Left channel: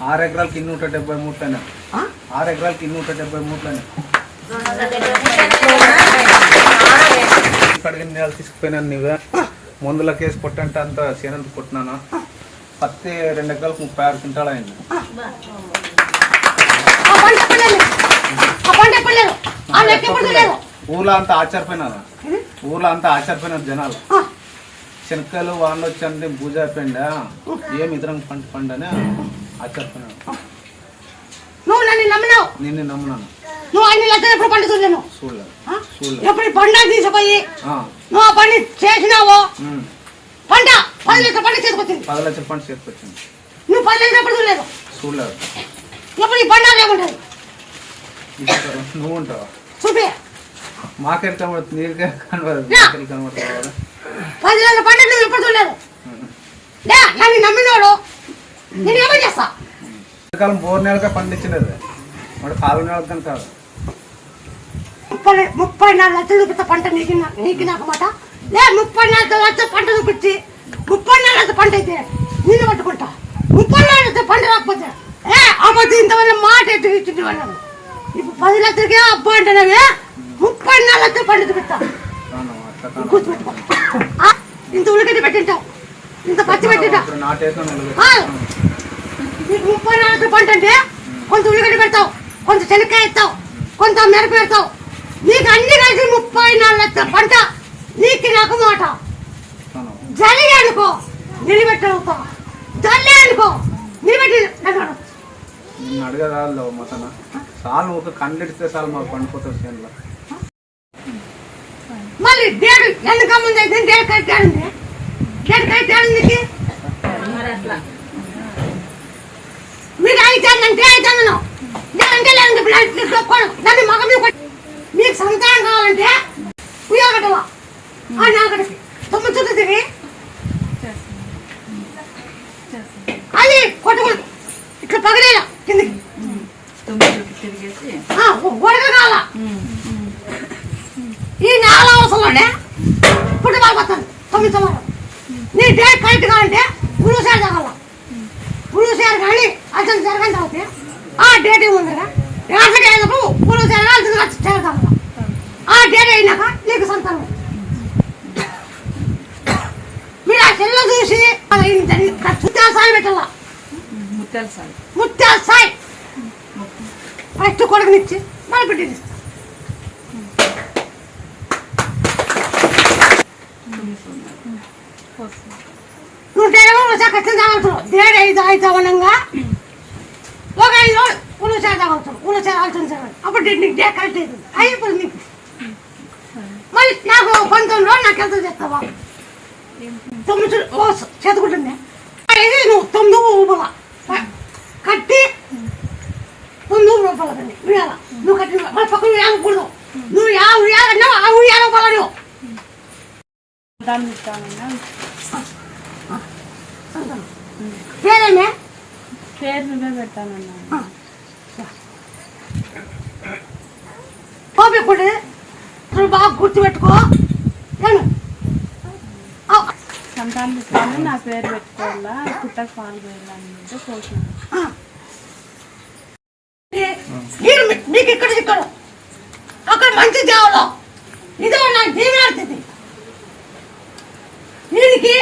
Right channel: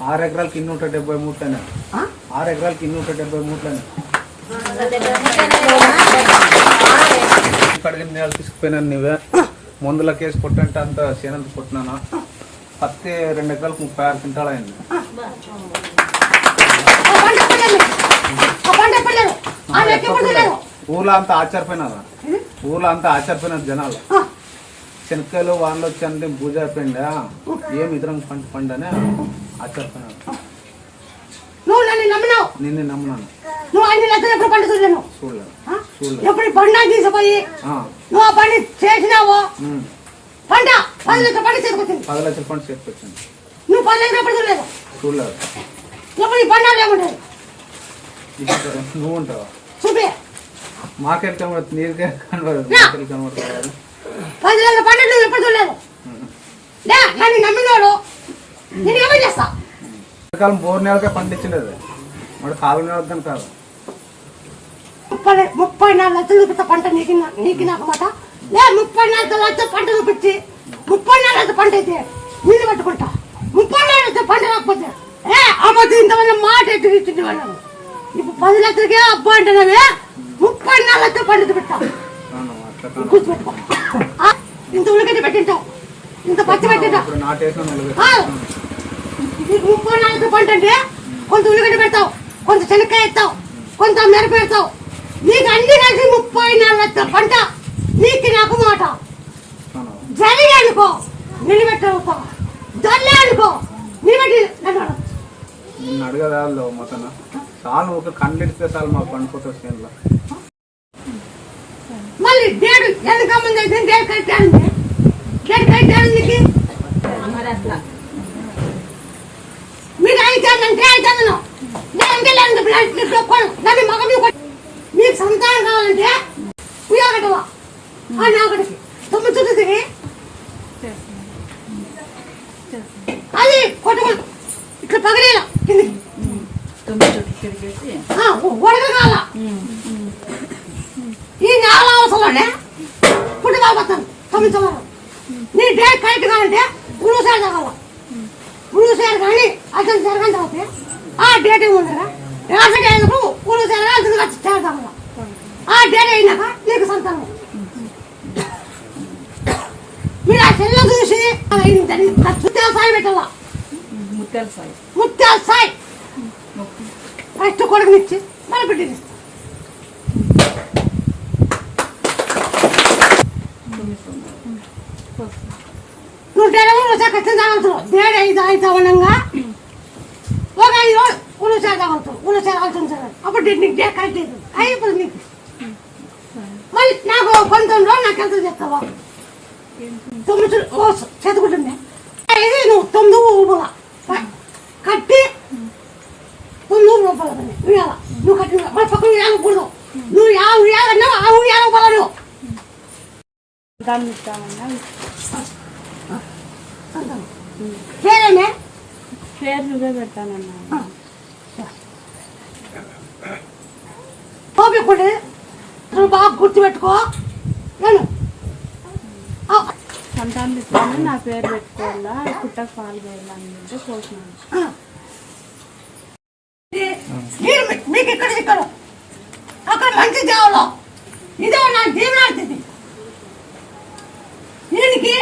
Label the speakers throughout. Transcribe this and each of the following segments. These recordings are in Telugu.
Speaker 1: ఆరు ఎకరాలకి నూట డెబ్బై మూట్లనే.
Speaker 2: ఆ?
Speaker 1: ఆరు ఎకరాలకి నూట డెబ్బై మూట్లనే. కడిగిన నేల తీసుకుపోయినాను నువ్వే. మందుల కేసు కొట్టంటే అంత చేనంత కొట్టినాను? పత్తి రెండు ఎకరాలకు ముప్పై ఆరు క్వింటాలు అయింది. ఊర్లో అంతా ఆశ్చర్యపోయినారు? ఊర్లో అంతా ఆశ్చర్యపోయినారు జనాలు. శనక్కాయలు వానలు వచ్చి అంటే పూజ అయిపోయిందా ఏం ఇతరం పంట పండని
Speaker 2: నువ్వు నన్ను నమ్మినావు.
Speaker 1: నిన్ను నమ్మునాను.
Speaker 2: నువ్వు అన్ని లక్షలు ఎప్పుడు పంట చూడలేను?
Speaker 1: చూడలేదు.
Speaker 2: ఆ?
Speaker 1: చూడలేదు.
Speaker 2: ఎప్పుడు తీసుకుపోయి
Speaker 1: ఆ,
Speaker 2: నువ్వు ఆ పని చేసినావో. పంట పది లీటర్ పంట చేతికొచ్చింది.
Speaker 1: పది లక్షల పంట చేతికొచ్చింది.
Speaker 2: నువ్వు పది లీటర్ ఎప్పుడు చూడలేదు.
Speaker 1: చూడలేదు.
Speaker 2: ఎప్పుడు ఈ పంట లేకుంటుంది?
Speaker 1: నువ్వు ఉంటావా?
Speaker 2: చూపి.
Speaker 1: మాకెళ్ళి కనబడుతుంది నీరుకే కనబడదు మాకెళ్ళి కనబడుతుంది
Speaker 2: పది లీటర్ పంట నువ్వు ఎప్పుడు చూడలేదు? నన్ను నమ్మినోడు. నేను ఏమని చేస్తా
Speaker 1: కాలం బోర్ నెలకే పండించినది వాడు కాలం నెలకు కానీ కాదు
Speaker 2: ముప్పై ముప్పై నాలుగు లక్షలు చూపిస్తా పంట నీకు నా- నీకు నాకు మాట లే ముప్పై నాలుగు లక్షల పంట చూపించి ముప్పై నాలుగు లక్షల పంట అయితే నీళ్ళు పట్టుకుంటా ముప్పై నాలుగు లక్షల పంట రాకపోతే ఏ అమ్మది ఇంతవల్ల మాట అయితే ఇచ్చింది వాళ్ళను ఇప్పుడు పది లక్షలకే అబ్బా అంటున్నావే ముప్పై నాలుగు లక్షల పంట చూపిస్తా
Speaker 1: కాను అట్లా కాను
Speaker 2: గుర్తుపెట్టుకో ఆ, ఇంత ఉల్లిగడ్డ పెట్టింటావు ఇంత పచ్చి పెట్టింటావు
Speaker 1: ఇప్పుడు నాటేసిన నువ్వు
Speaker 2: ఆ, నీకు ముప్పై నాలుగు పంట అంటే కొంత ఉల్లిగడ్డ పెడతావు కొంత శనక్కాయ ఎత్తావు కొంత మిరప పెడతావు. నీకు అన్ని కలిసి ముప్పై నాలుగు పంట. నీకు నాకు మాట. జరిగి అనుకో నిలబెట్టవుతా జల్లి అనుకో నిలబెట్టి.
Speaker 1: నిన్ను అడగదాలో మతన? చాలు ఒక కండిడితే చాలు మాకు పండిపోతుంది చేనులో.
Speaker 2: మళ్ళీ డేడు ఎందుక ముందు అయితే డేడు కట్టాడు డేడు కట్టాడు నీకు మీరు అయితానంటే అయితాను లేదంటే లేదంటే బ్లడ్ కొను నన్ను మగ మీద కొట్టు. మీకు సంతానం కావాలంటే ఉయ్యగట్టవా ఆ నాగడికి తొమ్మిది చుట్టూ తిరిగి. అది కొట్టమని ఇట్లా పగలేలా కిందికి.
Speaker 3: తొమ్మిది చుట్టూ తిరిగేసి.
Speaker 2: గొడగ కావాలా? ఈ నాలుగు అవసరంలోనే పుట్టి బాగుపోతాను తొమ్మిది సంవత్సరం నీ డేట్ కరెక్ట్ కావాలంటే పురుషాలు జరగాల పురుషాలు కానీ అసలు జరగని తర్వాత ఆ డేట్ ఏముందిరా? రేషన్ అయినప్పుడు పురుషాలు అసలు చేరగల ఆ డేట్ అయినాక నీకు సంతానం. మీరు ఆ చెల్లె చూసి అయిందని ముత్యాల సాయి పెట్టాల
Speaker 3: ముత్యాల సాయి
Speaker 2: ముత్యాల సాయి ఫస్ట్ కొడుకునిచ్చి మన బిడ్డని ఇస్తాం. నూట ఇరవై వచ్చా తాగుతారు దేడు ఐదు ఐదు అవనంగా ఒక ఐదు రోజులు ఉలుసారి తాగుతారు ఉలుసారి అవుతుంది అప్పుడు నీకు డే కరెక్ట్ అవుతుంది అయిపోతుంది నీకు. మళ్ళీ నాకు పంతొమ్మిది రోజులు నాకు ఎంత చెప్తావా తొమ్మిది ఓ చదువుకుంటుంది ఇది నువ్వు తొమ్మిది ఊపల కట్టి తొమ్మిది రూపాయలు పని ఉయ్యాల? నువ్వు కట్టి మళ్ళీ పక్కన ఉయ్యాలకూడదు నువ్వు యా ఉయ్యాలన్నావు ఆ ఉయ్యాల పడను
Speaker 3: దాన్ని
Speaker 2: పేరేమే
Speaker 3: పేరు నువ్వే పెట్టానన్నా
Speaker 2: ఓపికండి నువ్వు బాగా గుర్తుపెట్టుకో. నేను ఆ,
Speaker 3: సంతానం నా పేరు పెట్టుకోవాలా? పుట్టకు పాలు పోయాలని అంటే పోతున్నాను
Speaker 2: మీకు ఇక్కడ ఇక్కడ అక్కడ మంచి దేవలో ఇదే నా దీవెనాడుతుంది దీనికి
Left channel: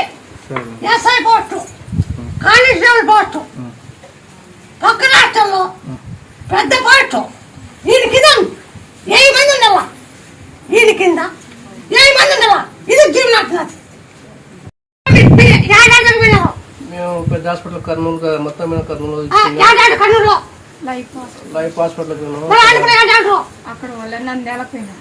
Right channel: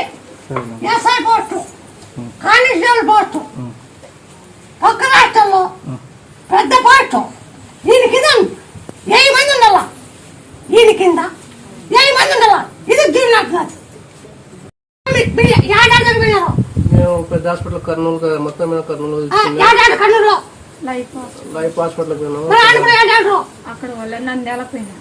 Speaker 2: ఎస్ఐ పోస్టు. కానిస్టేబుల్ పోస్టు పక్క రాష్ట్రంలో పెద్ద పోస్టు దీని కింద ఏ మంది ఉండాల? దీని కింద ఏ మంది ఉండాల? ఇది దీవెనాడుతున్నది ఏడాది చనిపోయినారు
Speaker 4: మేము పెద్ద హాస్పిటల్ కర్నూలు కా- మొత్తం మేము కర్నూలు
Speaker 3: లైఫ్
Speaker 4: హాస్పిటల్.
Speaker 3: అక్కడ వాళ్ళ పోయినా.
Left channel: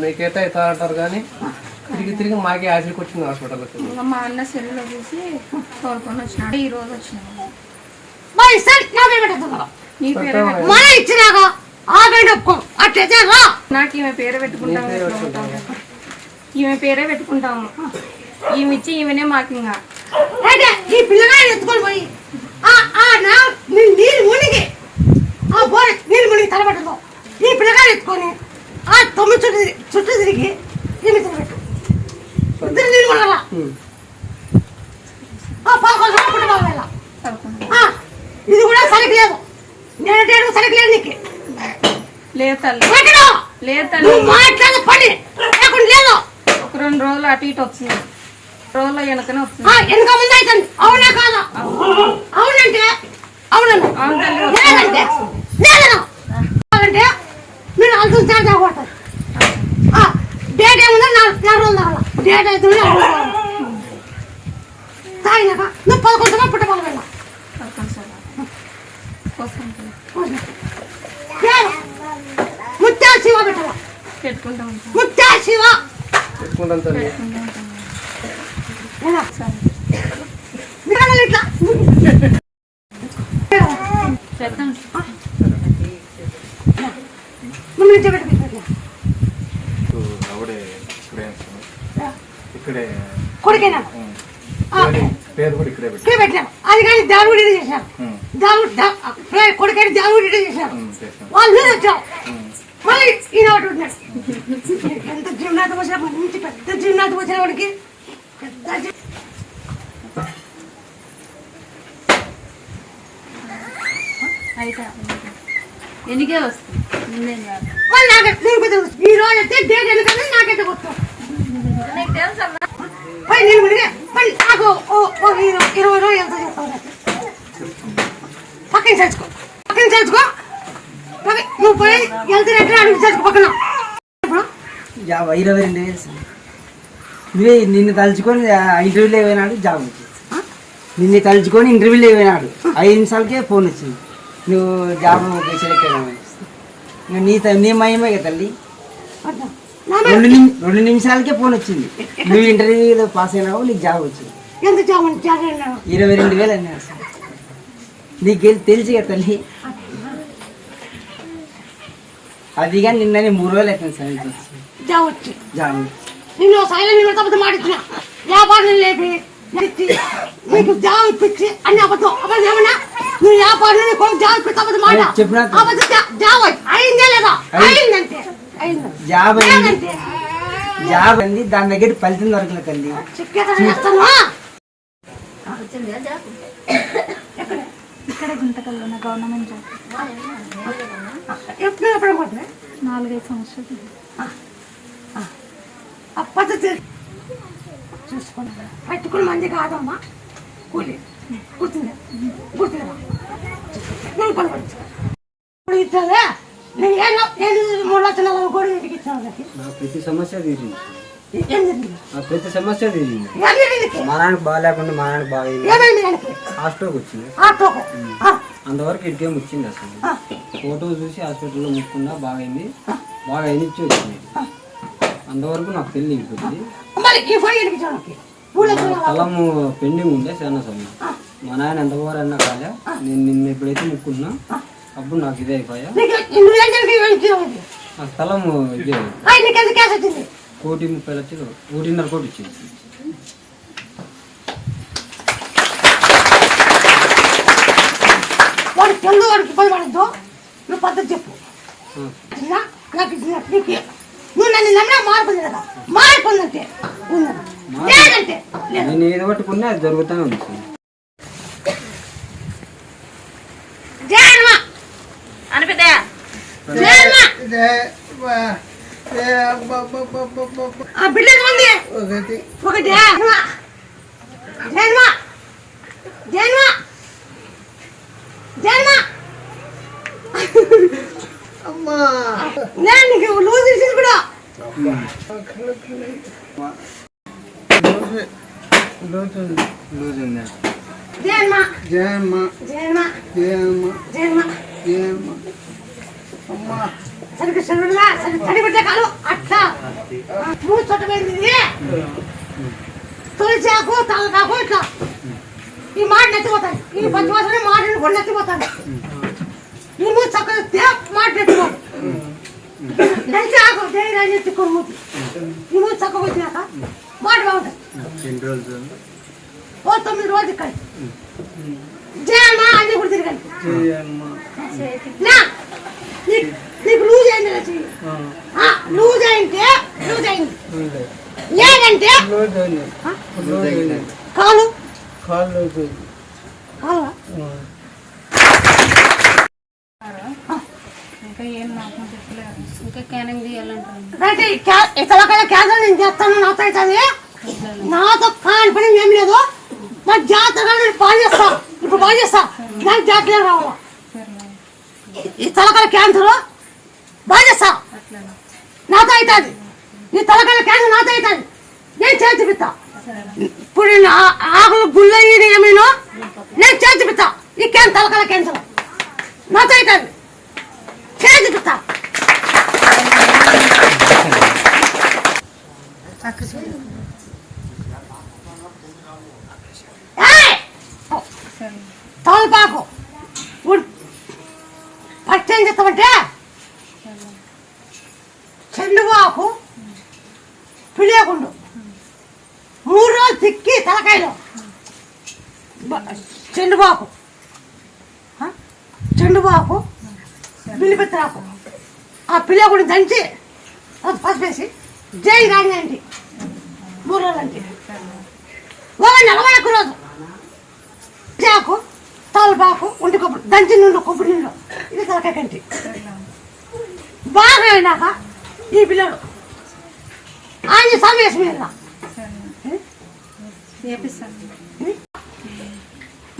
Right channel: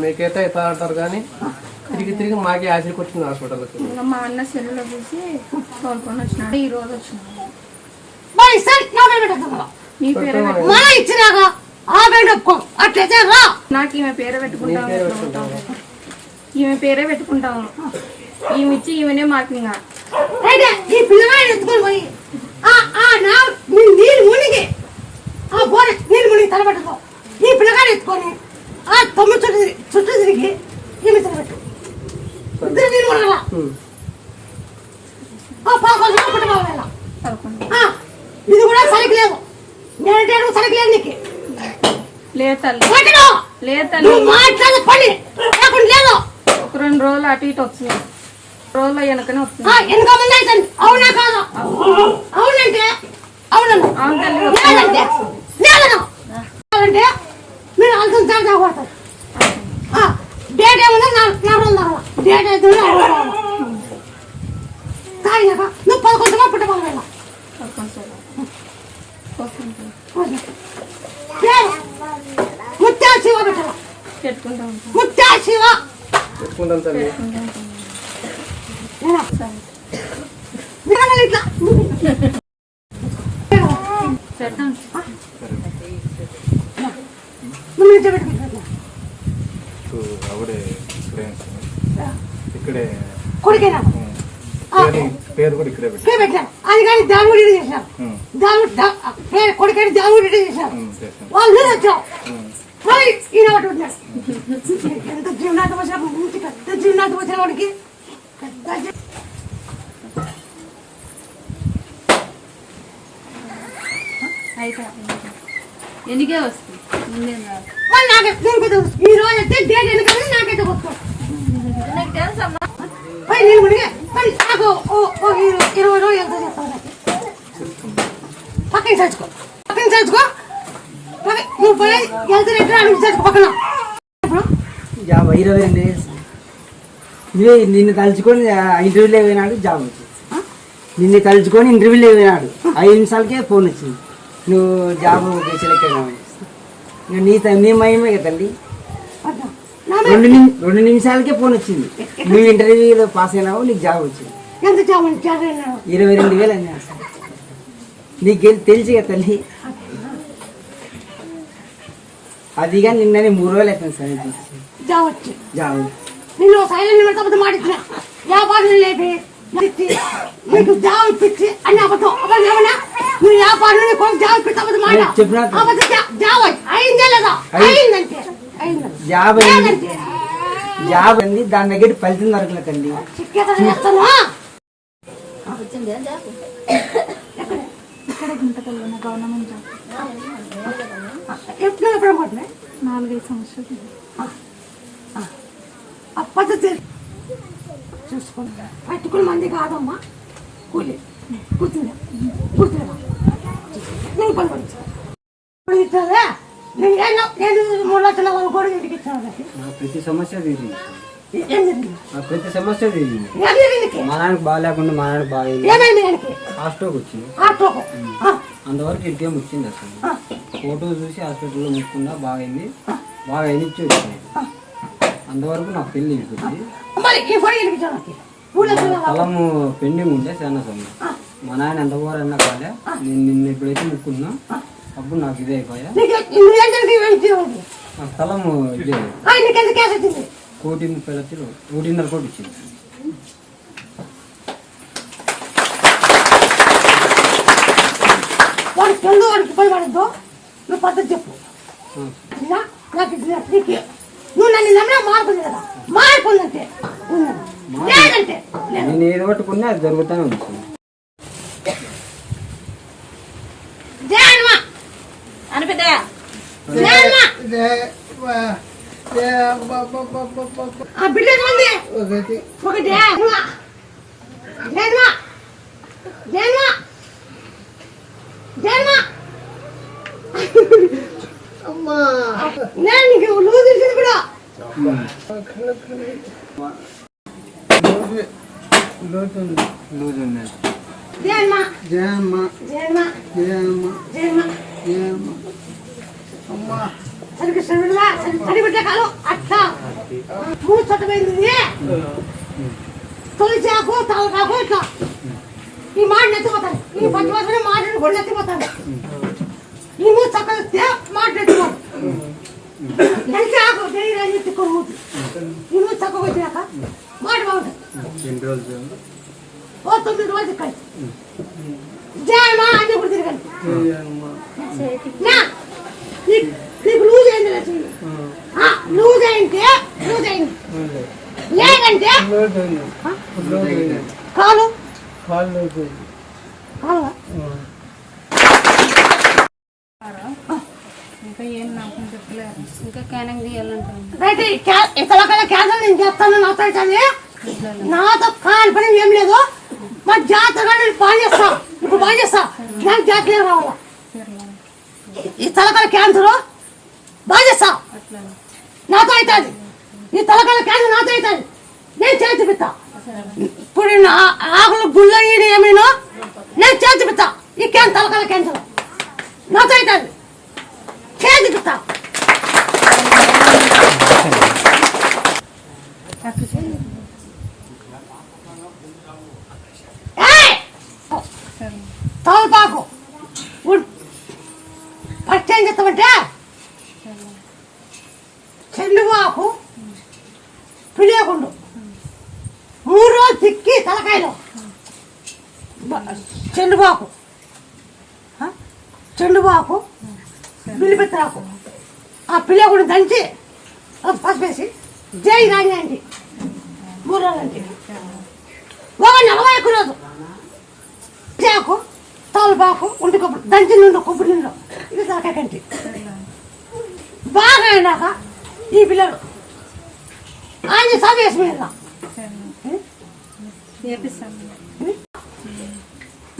Speaker 4: మీకైతే అవుతా అంటారు కానీ తిరిగి తిరిగి మాకే ఆశకి వచ్చింది హాస్పిటల్కి
Speaker 3: ఇంకా మా అన్న సెల్లులో చూసి కోరుకొని వచ్చినాడు. ఈ రోజు వచ్చినాడు.
Speaker 2: మరి సరే నా పేరు
Speaker 3: నీ పేరే పెట్టు.
Speaker 2: మన ఇచ్చినాక ఆ పేరు ఒప్పుకో. అట్లయితే రా.
Speaker 3: నాకు ఈమె పేరే పెట్టుకుంటాం ఈమె పేరే పెట్టుకుంటాము ఈమె ఇచ్చి ఈమెనే మాకు ఇంకా
Speaker 2: అయితే ఈ పిల్లగాయలు ఎత్తుకొని పోయి ఆ ఆ నా నీ నీళ్ళు మునిగి ఆ బోరె నీళ్ళు మునిగి తలబెట్టుకో ఈ ఎత్తుకొని ఆ తొమ్మిది చుట్టూ తిరిగి- చుట్టూ తిరిగి ఈమె తలబెట్టు ఇది కూడా సరికి లేదు నేను సరికి లేదు నీకు.
Speaker 3: ఒక రెండు రోజులు అటు ఇటు వస్తుంది రోజుల వెనకనే వస్తుంది
Speaker 2: ఆ, వెనక ముందు అయితే అవునా కాదా? అవునంటే? అవునను.
Speaker 3: అవును తల్లి
Speaker 2: లేదంటే? లేదను. కాదంటే మీరు అవ్వకూడదు డేట్ ఏముందో నాలుగు నాలుగు రోజులు అయితే తాగినాక నువ్వు పదకొండు సంవత్సరాలు పుట్టబాలి వెళ్ళా ముత్యాల శివ పెట్టాల ముత్యాల శివ ఇట్లా
Speaker 3: పెడతాను
Speaker 2: ముందు నుంచే పెట్టుకుంటా
Speaker 1: ఆవిడే ఇక్కడే ఉంటున్నాం. ఇక్కడే
Speaker 2: కొడుకేనా.
Speaker 1: పేరు- కూడా ఇక్కడే
Speaker 2: పెట్టాను అది కానీ దాని ఇది చేశాను
Speaker 1: ఉం.
Speaker 2: దాని కొడుకని? దాని ఇది చేశాను వాళ్ళు మీద వచ్చారు. మళ్ళీ ఈయన ఒకటి ఉన్నాడు. ఎంత జీవనాథం వచ్చిన మంచి పెద్ద జీవనాథం వచ్చిన వాడికి పెద్ద
Speaker 3: అయితే ఎన్నికే వస్తుంది ముందేం కాదు
Speaker 2: మళ్ళీ నాకే నేను కొద్దిగా ఈ రోజు అయితే డేట్ ఎందుకంటే నాకైతే గుర్తు. పోయి మళ్ళీ నాకు ఇరవై రోజులు ఎంత? పక్కన చచ్చుకో పక్కన నువ్వు పోయి అడిగి చచ్చుకో పక్కన.
Speaker 5: జాబ్ ఇరవై. నువ్వే నిన్ను తలుచుకొని ఇంటర్వ్యూలో పోయినాడు జాబ్. వచ్చింది నిన్ను తలుచుకొని ఇంటర్వ్యూలో పోయినాడు. ఐదు నిమిషాలకే ఫోన్ వచ్చింది. నువ్వు జాబ్ సెలెక్ట్ అయినావు ఇంకా నీ త- నీ మహిమే కదా తల్లి.
Speaker 2: వద్దా.
Speaker 5: రెండు రెండు నిమిషాలకే ఫోన్ వచ్చింది. నువ్వు ఇంటర్వ్యూలో పాస్ అయినావు? నీకు జాబ్ వచ్చింది.
Speaker 2: ఎంత చావని చేయాలి
Speaker 5: ఇరవై రెండు వేలు అన్నాడు సార్ నీకు తెలిసి కదా తల్లి? అది కానీ నిన్ననే మూడు రోజులు అయిపోయింది సార్ ఇది. వచ్చి. జాబ్
Speaker 2: నిన్ను సైలెంట్ అబద్ధం మాడిచ్చిన వ్యాపారం లేపి నీకు జాబ్ ఇప్పించి అన్ని అబద్ధం. అబద్ధం ఏమన్నా? నువ్వు వ్యాపారం జాబ్ ఇప్పించి అబద్ధం మాట. అబద్ధం జాబ్ అయి- అయిందే లేదా?
Speaker 5: అయింది.
Speaker 2: అయిందంటే
Speaker 5: జాబ్ అయింది
Speaker 2: లేదంటే
Speaker 5: జాబ్ అండి దాని దగ్గర ఫలితం దొరకలే తల్లి
Speaker 2: చిక్కేత చేస్తాను
Speaker 3: ఇక్కడ గుంతకల్లో నా గవర్నమెంట్ జాబ్
Speaker 2: ఎప్పుడు ఎప్పుడు
Speaker 3: నాలుగైదు సంవత్సరాలు.
Speaker 2: ఆ పద్ధతి చూసుకోండి. పట్టుకుని మంది కాదమ్మా. కూలి. కూర్చుంది. కూర్చుందా. నేను పని పడించు ఇప్పుడు ఇస్తావే
Speaker 5: ప్రతి సమస్య తీరింది. ప్రతి సమస్య తీరింది. మా నాన్నకి బాగాలేకుండా మా నాన్నకి
Speaker 2: ఆయనకి
Speaker 5: హాస్పిటల్కి వచ్చింది. అంతవరకు ఇంకేం వచ్చింది అసలు. ఫోటో చూసి హాస్పిటల్లో ముక్కున్నా బాగైంది బాగా అయినిచ్చి వచ్చింది. అంతవరకు నాకు పెళ్ళి
Speaker 2: లక్షల నలభై.
Speaker 5: స్థలము పెండింగ్ ఉండే చాలా సమయం మా నాయన ఎంత పోరన్నా కాలే. నేను నిన్న ఎప్పుడైతే ముక్కున్నా. అప్పుడు నాకు ఇదే అయిపోయా? ఇదే.
Speaker 2: వచ్చింది?
Speaker 5: కోటి ముప్పై లక్షలు ఒకటిన్నర కోటి ఇచ్చింది.
Speaker 2: వాడికి తెలుగు వాడికి పడద్దు నువ్వు పద్ధతి చెప్పు. నాకు నీకు. నువ్వు నన్ను నమ్మినా మారుతుంది కదా
Speaker 5: పట్టుకున్నా అది జరుగుతూనే ఉంది
Speaker 2: ఒకటి. జయన్మా జయన్మా నేను నీకు లూజ్ తీసింది కూడా.
Speaker 5: లూజ్ ఉంది
Speaker 2: జయన్మా
Speaker 1: జయమ్మ
Speaker 2: జయన్మా
Speaker 1: జయమ్మ
Speaker 2: జయన్మా
Speaker 1: జయమ్మ అమ్మా.
Speaker 2: సరిగ్గా సరిగ్గా సరి సరిపెట్టే కాదు అట్లా మూడు చట్టమైంది ఇది తొలిచి ఆకు తలకాకు ఇట్లా ఈ మాట నచ్చిపోతాయి ఈ పచ్చి వాసన మాటను కూడా నచ్చిపోతాను ఈ మూడు చక్కగా మాట నచ్చిపోదు తెలిసి ఆకు దేని రాజు తిక్కుడు మూతి ఈ మూడు చక్కగా వచ్చినాక మాట బాగుంటాయి
Speaker 5: ఎన్ని రోజులు
Speaker 2: ఓ తొమ్మిది రోజులు ఇక్కడ జయమా అన్ని కూడా తిరగండి
Speaker 1: జయమ్మ
Speaker 2: నా నీ- నీకు లూజ్ ఆ, లూజ్ అయింది. లేదంటే కాలు?
Speaker 4: అయిపోయింది
Speaker 3: ఇంకా ఏం నాకు ఇంకా క్యానింగ్ తీయాలంటారు
Speaker 2: క్యాన్సర్ నేను చేస్తాను నాతో అవుతుంది నాతో కాని పని ఏం లేదు. మా జాతర నేను బాగా చేస్తా. ఇప్పుడు బాగా చేస్తా. నాకు రావాలా? ఈ తలకాయ క్యాన్సర్ బాగా చేస్తా నాతో అవుతుంది. ఈ తలకాయ క్యాన్సర్ నాతో అవుతుంది. నేను చేసి చూపిస్తా. ఇప్పుడు నా ఆకులు గుళ్ళయ్యి ఏమైనా నేను చేసి చూపిస్తా. ఈ క్యాన్ తలకాయ క్యాన్సర్. నాతో అవుతుంది. చేసి చూపిస్తా! తలపాకు. ఫస్ట్ ఏం చేస్తామంటే చెల్లువాకు పిడియకుండు మూడు రోజులు తిక్కి తలకాయలు. చెండుబాకు. చెండుబాకు బిల్లిపెత్తరాకు. ఆ పిల్లగుడిని దంచి పసిపేసి జై రాణి అండి మూడు రోజులు అండి ఒక నలభై ఒక్క రోజు చాకు తలపాకు ఉండి కొబ్బరి దంచి నుండి కొబ్బరి నుండి. ఇది తలకాయ కంటి. బాగా అయినాక ఈ పిల్లడు ఆయన సమేసి మీద.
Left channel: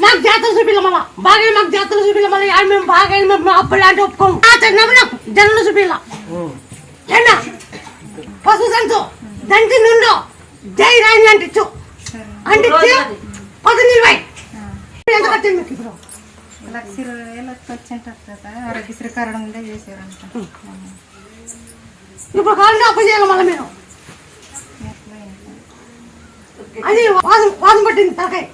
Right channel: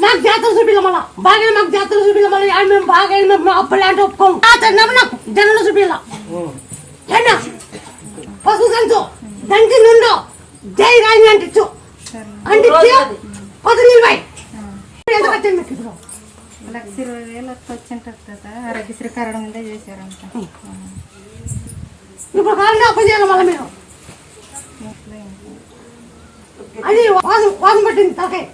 Speaker 2: మాకు జాతర చూపిల్ల మళ్ళా. బాగా మాకు జాతర చూపిల్ల మళ్ళీ. ఆయన మేము బాగా మేము అప్పుడు అంటే ఒప్పుకోము. నమ్మ నాకు జనులు చూపిల్ల. ఎన్న పశు జంతు. దంచి నుండు జై రాయి అంటించు అంటించి పది నిలవై ఎంత కట్టింది మీకు ఇప్పుడు?
Speaker 3: లక్ష ఇరవై వేలు వచ్చింటారు కదా. ఆరోగ్యశ్రీ కరడం ఉందే చేశారంట.
Speaker 2: ఇప్పుడు కాలంలో అప్పు చేయాలి మళ్ళీ మీరు అది వాదం వాదం పట్టింది తలకాయ.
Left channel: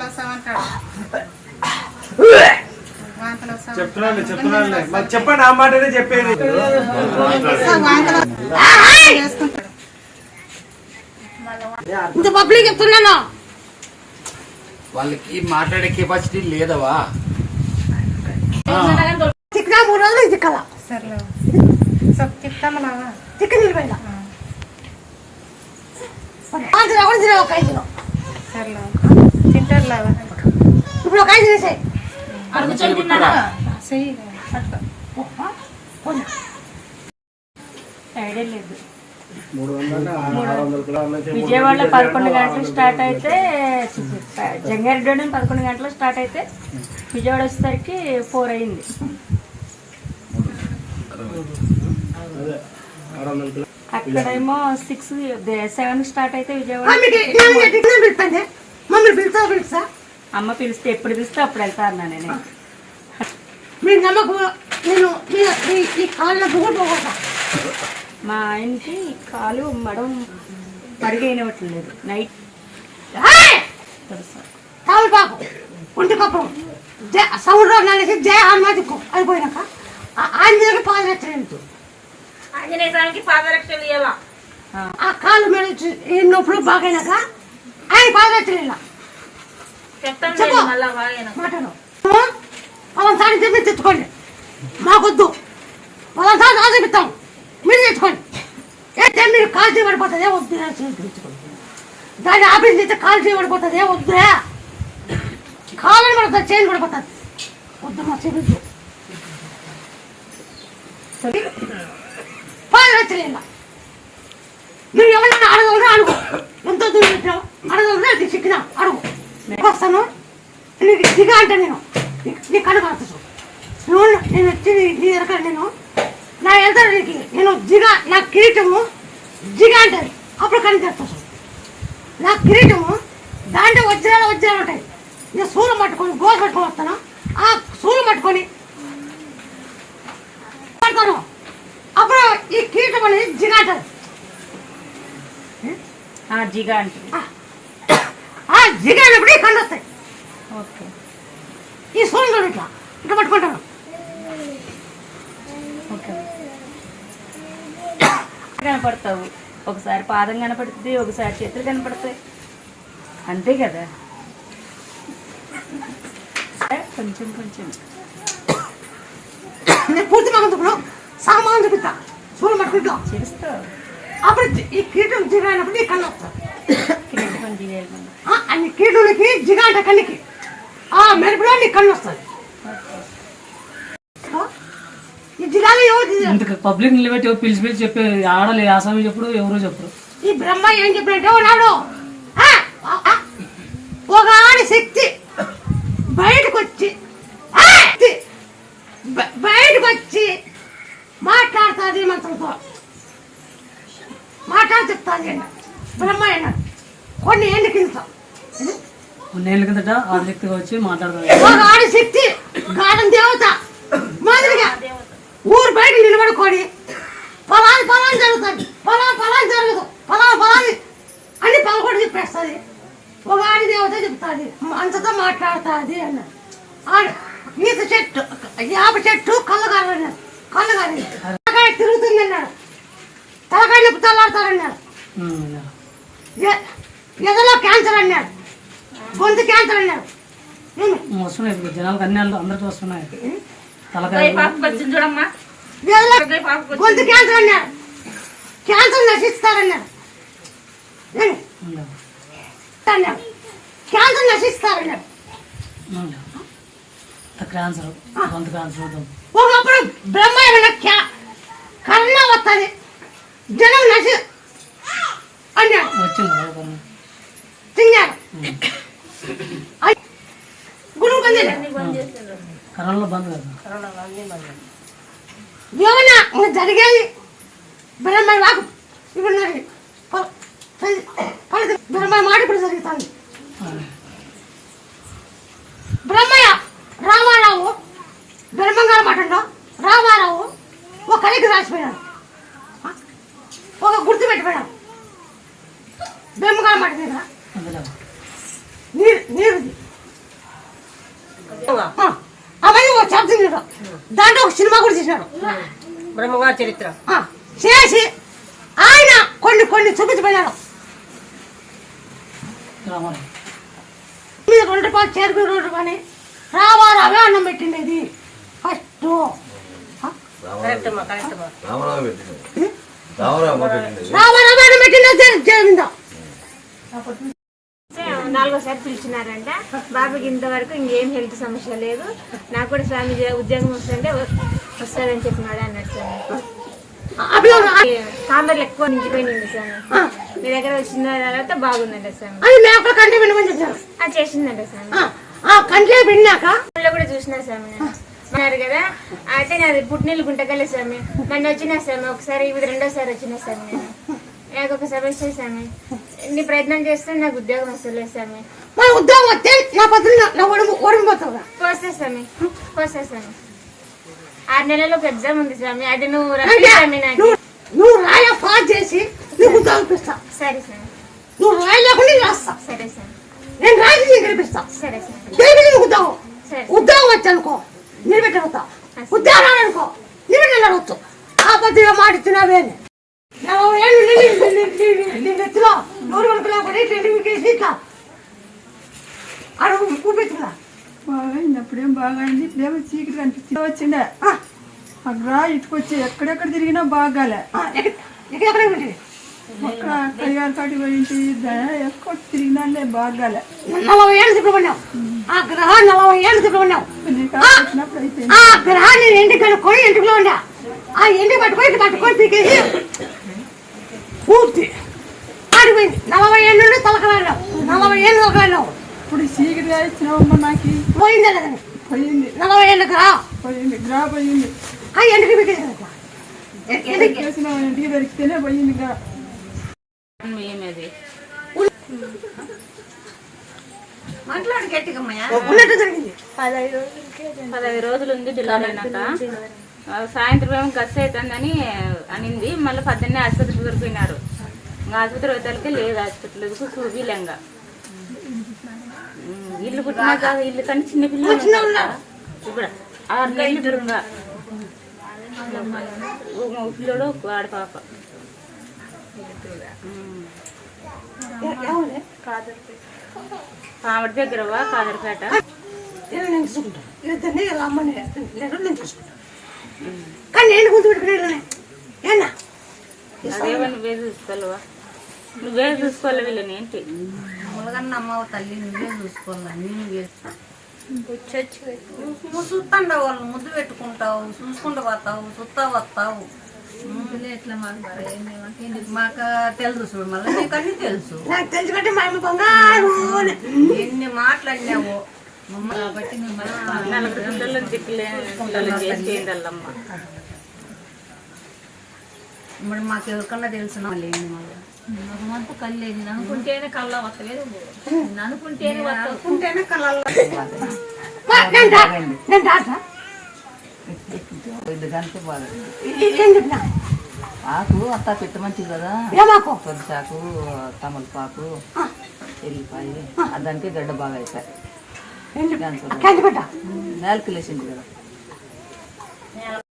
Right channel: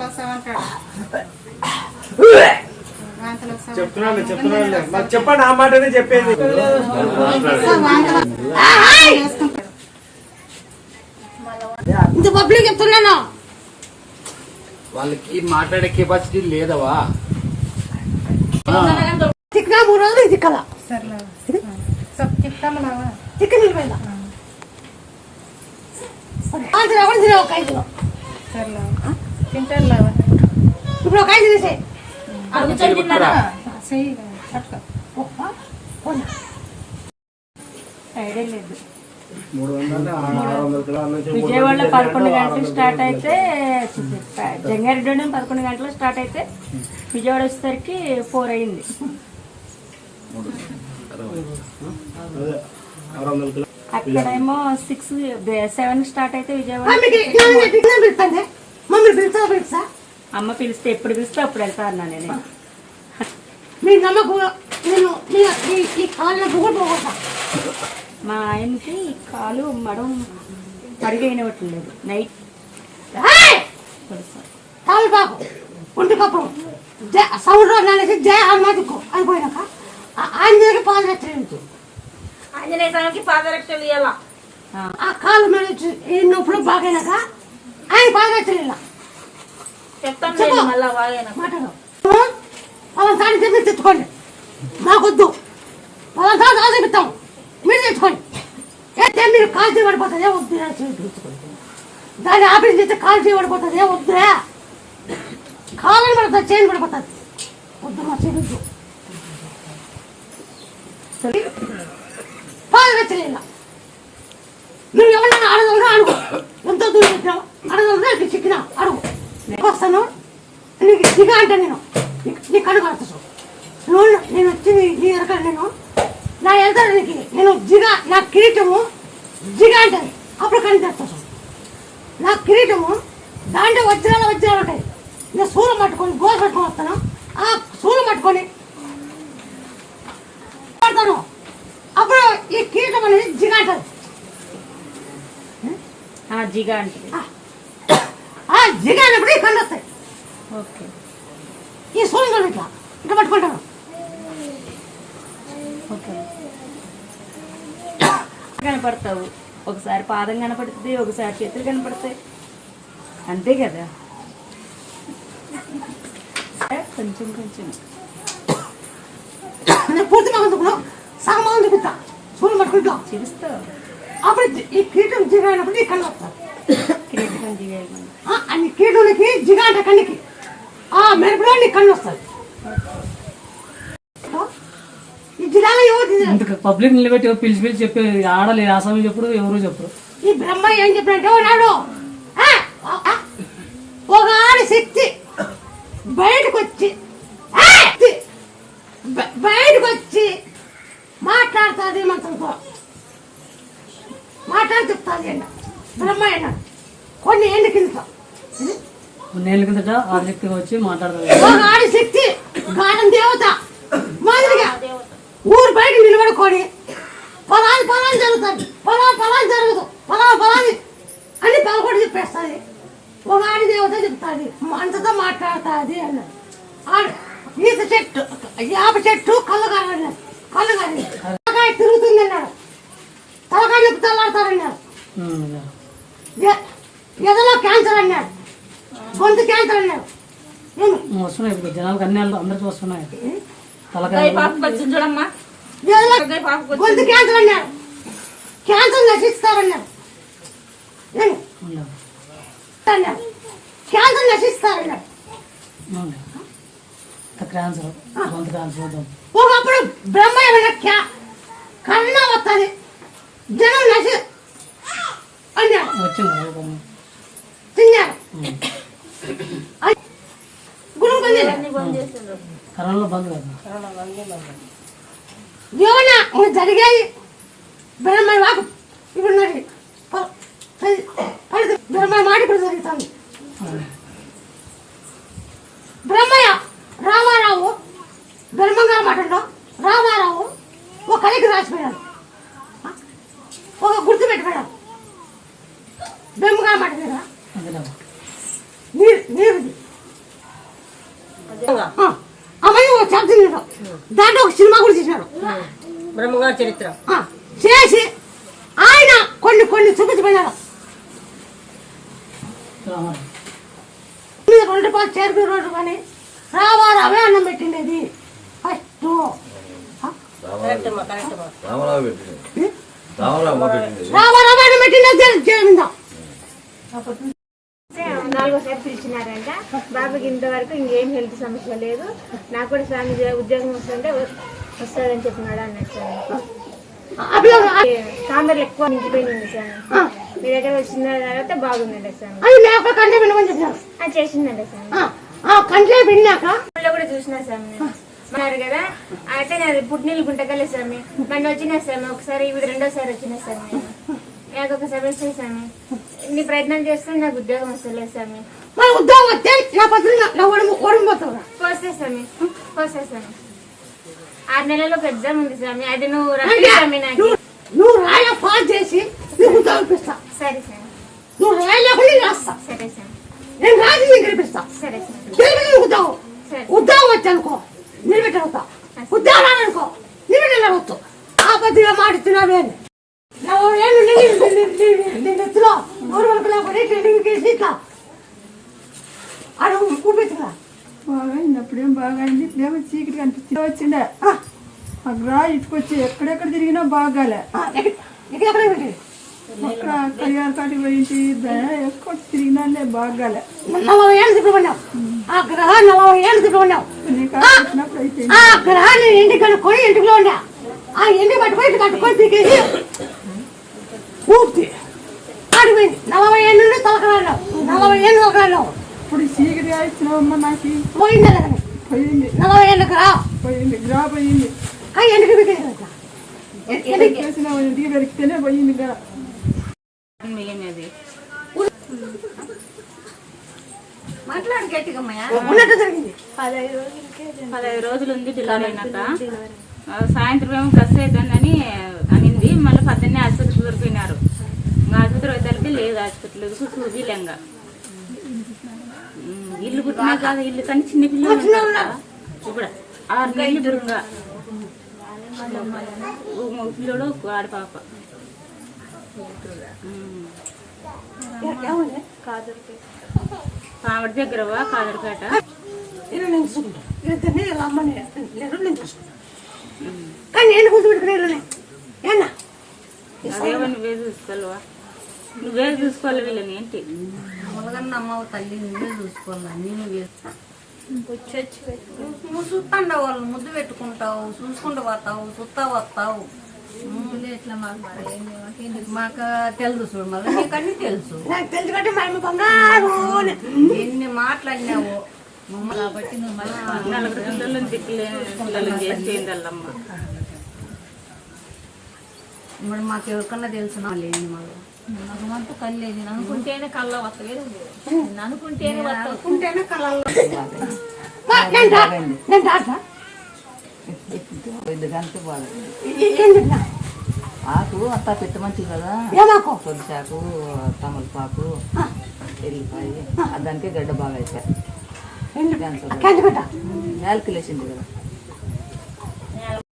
Speaker 3: వస్తామంటాడు.
Speaker 1: చెప్తున్నాను చెప్తున్నాను మరి చెప్పండి ఆ మాటనే చెప్పేది.
Speaker 2: ఇంత పబ్లిక్ చెప్తున్నాను
Speaker 6: వాళ్ళకి మాట్లాడే కెపాసిటీ లేదవా?
Speaker 2: మూడు రోజులు ఒక ఇప్పుడు ఒక ఐదు
Speaker 3: పట్టుకో. ఐడియా లేదు. విజయవాడలో పదకొండు గంటలకు స్టార్ట్ అయితే జంగారెడ్డి పదకొండు గంటలకు స్టార్ట్ అయితే విజయవాడ వచ్చేసరికి ఫోర్ అయింది. అక్కడేమో సిక్స్ సెవెన్ స్టార్ట్ అయితే విజయవాడ. అమ్మ పిలిస్తే ఎప్పుడు పిలిస్తే అప్పుడు వెళ్తా అన్నా నేను.
Speaker 2: మీరు నమ్మకం నేను మీ- మీ- మీ కాళ్ళ
Speaker 3: మా ఆయనకి కాలు మడం మరుగైనట్లేదు నైట్
Speaker 2: ఒంటి కప్పం. జయ సౌండ్ అనేసి జయ హనుమాదికు అయిపోయినాక ఆ- ఆయన దగ్గర పాదరక్ష ఆ. కాలు మీద ఈ నొప్పులు బాగైనాక ఆయన పాదరక్ష చెప్పు. మాటలు వాళ్ళ సారి చెప్పి తెచ్చుకోండి మాకొద్దు. సారి మీరు తెచ్చుకోండి అయితే మీరు కాల్చి పడిపోతుంది వద్దు తెచ్చుకోండి దాన్ని ఆఫీస్ చేస్తే కాల్చి పడిపోతుంది వద్దు కాలని పడుతుంది చైన్ పడిపోతుంది. వద్దు మా చెబుద్దు పాదరక్షలేలా నువ్వు ఎవరైనా అడగలరా అడుగు. ఎంతో దూరం పెట్టావు అడగలరా నీకు చిక్కినా? అడుగు. వస్తాను. నీకు దిగ అంటే నేను నీ- కనుక నువ్వు నేను వచ్చి నీ- ఎరక నేను నా ఎదురు నీకు నేను జిగా నా కిరీటము జిగ అప్పుడు కనిపిస్తాను నా కిరీటము దాంట్లో వజ్రాలు వజ్రాలు ఉంటాయి. నేను సూలు పట్టుకొని గోస పట్టుకొని వస్తాను. ఆ సూలు పట్టుకొని పడతాను. అప్పుడు ఈ కిరీటం అనేది జిగ అంటది
Speaker 3: ఆ, జిగా అంటే
Speaker 2: ఆ. జిగ అన్నప్పుడు ఈ కళ్ళు వస్తాయి.
Speaker 3: ఓకే.
Speaker 2: ఈ సూర్యుడు ఇట్లా. ఇట్లా పట్టుకుంటాను.
Speaker 3: కనపడతావు. ఒకసారి పాదం కనపడుతుంది ఒకసారి చేతులు కనపడతాయి. అంతే కదా? కొంచెం కొంచెం.
Speaker 2: సామాన్ చూపిస్తా అప్పుడు ఈ కీటం నీ కన్ను
Speaker 3: దిగేది
Speaker 2: అన్ని కీటులకి జిగాంట కన్నికి ఆ మెరుపులో నీ కన్ను వస్తుంది.
Speaker 7: ఇంత పబ్లిక్ నిలబెట్టి పిలిచి పిలిచి చెప్పే ఆడలే ఆసామి చెప్పుడు ఎవరు చెప్పరు
Speaker 2: ఈ బ్రహ్మ ఏం చెప్పినట్టే ఉన్నాడు? ఆ, ఆ, ఒక ఆడి శక్తి బయటకు వచ్చి బయటకు వచ్చి మాట్లాడుతుంది మంత్రంతో. మాట్లాడి చెప్తాది అన్న బ్రహ్మ అన్నాడు కొన్ని ఏళ్ళ కింద
Speaker 7: కొన్నేళ్ళ కిందట ఆదిశక్తిగా వచ్చి మాట్లాడుతుంది
Speaker 2: ఒక ఆడి శక్తి గానం దేవత. మాదిరిగా. నిలబడుకొని పొలాన్ని పొలాన్ని జరుగుతుంది పొలా పొలాన్ని జరగదు పొలా పొలాన్ని అని పలకొడి చెప్పేస్తుంది ఒక ఆడి దేవత చెప్తాది అంతతో మాట్లాడుతుంది అన్నాడు. ఈత చెట్టు యాప చెట్టు కళ్ళగారు అన్నాడు కళ్ళగారు. తలకాయ తిరుగుతుంది అన్నాడు. తలకాయ నొప్పి తల్లాడతాడన్నాడు. ఎదలో క్యాన్సర్ అన్నాడు. గొంతు క్యాన్సర్ అన్నాడు?
Speaker 7: వస్తున్నాయి జనాలకు అన్ని అందరికీ వస్తున్నాయి. తలకాయ
Speaker 3: చూడమ్మా.
Speaker 2: గొంతు క్యాన్సర్ అన్నాడు క్యాన్సర్?
Speaker 7: ఉండవు.
Speaker 2: అన్నాడు క్యాన్సర్.
Speaker 7: ఇంత క్యాన్సర్ గొంతు క్యాన్సర్ అవుతాం
Speaker 2: ఒకప్పుడు బ్రహ్మ ఏమైనా క్యా కర్ణ వస్తుంది జనం నశి అన్నాడు
Speaker 7: వచ్చింది
Speaker 2: తిన్నాడు గురువు పొందింది
Speaker 7: కరోనాలో బంద్ కదా?
Speaker 2: ఏమన్నా? ఇంకా జరిగాయి. బ్రహ్మ వాకు ఇప్పుడు ఫలితం బ్రహ్మ మాట ఇప్పుడు జరుగుతుంది. బ్రహ్మయ్య రామారావు బ్రహ్మంగారు మాటల్లో రామారావు ఒక కలికి రాసిపోయాడు ఒక గుర్తు పెట్టిపోయాడు బ్రహ్మగారు మాట మీద.
Speaker 7: అదే
Speaker 2: నీరు నీరుది. దాంట్లో ఒక సినిమా కూడా చేశాడు
Speaker 8: బ్రహ్మగారి చరిత్ర
Speaker 2: చేసి ఆయన కొన్ని కొన్ని మీద రెండు రూపాయలు చేరుకు రెండు రూపాయలు రామారావే అన్నం పెట్టిండేది ఫస్ట్
Speaker 9: రామరావు పెట్టింది రామరావు పెట్టింది
Speaker 2: రామారావే అన్నం పెట్టిండే జరిగిందా
Speaker 10: నాలుగోసారి పిలిచినారంట. బాబుకి ఇంతవరకు ఇంకేం హెల్త్ సమస్య లేదు. నాకు కూడా స్వామి ఉద్యోగం వస్తుంటే వస్తుందని చెప్పినాడు అన్నాడు స్వామి. కాంబర్లు ఎక్కువ నిండిపోయింది స్వామి. మీ దగ్గర వచ్చిన తర్వాత బాగుందంట స్వామి. చేసిందంట స్వామి.
Speaker 2: ఆ కంట్లో విన్నాక?
Speaker 10: కూడా చూసినా స్వామి నేను. అన్నారు కదా అయితే నాది పుట్టినీళ్ళు గుంటకలే స్వామి. నన్ను వచ్చినా స్వామి ఒకసారి ఇది రెండోసారి వచ్చినా స్వామి నాకు ఒక సమస్య స్వామి. ఇన్ని ప్రయత్నం చేస్తే నాకు ఉద్యోగం వస్తలేదు స్వామి.
Speaker 2: మరి ఉద్యోగం వస్తే నా పత్రిక నా ఒడుము ఓడిపోతావు
Speaker 10: పోస్తా స్వామి. పోస్తా స్వామి. ఆరు నెలల్లో ఒక ఎగ్జామ్ ఉంది స్వామి. అది నువ్వు రఫీ స్వామి నాకు.
Speaker 2: నువ్వు రాయ పాస్ చేసి నీకు ఉద్యోగం
Speaker 10: సరే స్వామి.
Speaker 2: నువ్వు రాయలేకుండా నేను రాస్తా.
Speaker 10: సరే స్వామి.
Speaker 2: నేను రాసి నేను గెలిపిస్తా
Speaker 10: సరే స్వామి.
Speaker 2: గెలిపి ఉద్యోగం ఉద్యోగం. వచ్చనుకో నిలబెట్టవుతా ఉద్యోగం రాదనుకో నిలబెట్టవచ్చు ఆ పద్ధతిగా మాడుతున్నావే అని నలభై ఏళ్ళు నిండి- నిండి- నిండి- నిండి ఎత్తులో నూరు వరకు లేకపోతే ట్రైనింగ్ చేసి ఇట్లా అడుగు చూపించుకున్నా
Speaker 11: బాగా అప్పుడేం బాగా అయింది ఇప్పుడేమో చీకటి కనిపిస్తుంది వచ్చిండే అగ్రా ఇటుకొచ్చి ఎక్కడెక్కడ తిరిగినా బాగాలే
Speaker 2: ఎక్కడ పెట్టి
Speaker 11: అక్కడ కడియాల కాటి పోయింటి ఎక్కువ తిరిగినాలే బాగాలే
Speaker 2: నలభై ఏళ్ళు తిప్పమన్నావు ఆ గ్రహం నలభై ఏళ్ళు తిప్పమన్నావు
Speaker 11: నీకు
Speaker 2: ఆ!
Speaker 11: వచ్చినప్పుడు అయిపోయింది
Speaker 2: ఆ గ్రహాన్ని ఇంటికి కనుక్కొని ఇంటిలో ఉండా ఆ ఇంటికి పట్టుకొని ఇటు పట్టుకొని పీకేసి ఊపి ఆడిపోయింది నలభై ఏళ్ళు నుండి నలభై ఏళ్ళు
Speaker 11: ఇప్పుడు చీకటి ఇచ్చినావమ్మ నాకు.
Speaker 2: పోయిందే కదా
Speaker 11: పోయింది.
Speaker 2: నలభై గ్రహ
Speaker 11: పోయింది. గ్రా పోయింది. చేసిన ఇంటికి దొరికితేనే పోయింది గ్రా
Speaker 2: మాట్లాడు గట్టిగా ఉన్నట్టు జరిగింది.
Speaker 3: పదహైదు పదహైదు రోజులు ఉంది డెలివరీ అయినాక. ఆ, సాయంత్రం కసి అవుతుందని అనింది. మళ్ళీ పద్దెన్నే ఆసుపత్రికి దొరికినారు. ఆసుపత్రి వద్దరికి లేదు హాస్పిటల్ సూజీ లెంగ. ఇల్లు పుట్టినా కాదు ఇల్లు కానీ చిన్న పిల్లలు ఇప్పుడు ఆరు నెలలు దూరంగా పిల్లడు ఆడపాప పామడి దగ్గరవా కాదరపేట.
Speaker 2: ఇలా నేను చూసుకుంటా.
Speaker 12: నువ్వే చూసుకోవాలి వీళ్ళని ఏంటి?
Speaker 13: ములగన్నమ్మ తల్లి నువ్వే చూసుకోవాలా? నేను నువ్వు చూస్తాండవు వాళ్ళు ముద్దు పెట్టుకుంటావు చూసుకుంటూ పోతావు చూస్తా వస్తావు ఎట్లా మాకు మాకు తెలుసు చూడు మళ్ళీ నీకు అన్ని తెలుసు.
Speaker 2: అమ్మ
Speaker 13: ఎన్ని మాట్లాడినావు? మమ్మల్ని కాబట్టి నువ్వు మాకు ఎవరికన్నా తెలుసు లేని మళ్ళీ?
Speaker 8: అంతా కళ్ళేది అనుకుంటేనే కళ్ళ వస్తలేదు. అనుకుంటేనే వస్తావు
Speaker 13: ఉంటేనే కళల్లో
Speaker 2: నేను డా- నేను డాక్టర్
Speaker 14: ఎందుకంటే బాధ
Speaker 2: ఏం చెప్పినా
Speaker 14: ఆకు అత్త పెట్ట మంచిది కదా.
Speaker 2: ఏమాకు?
Speaker 14: కొద్దిసాకు తమలపాకు ఎల్లిపాయ దానికే గడ్డ బాగా అవుతాయి నేలకి లేచింది కదా.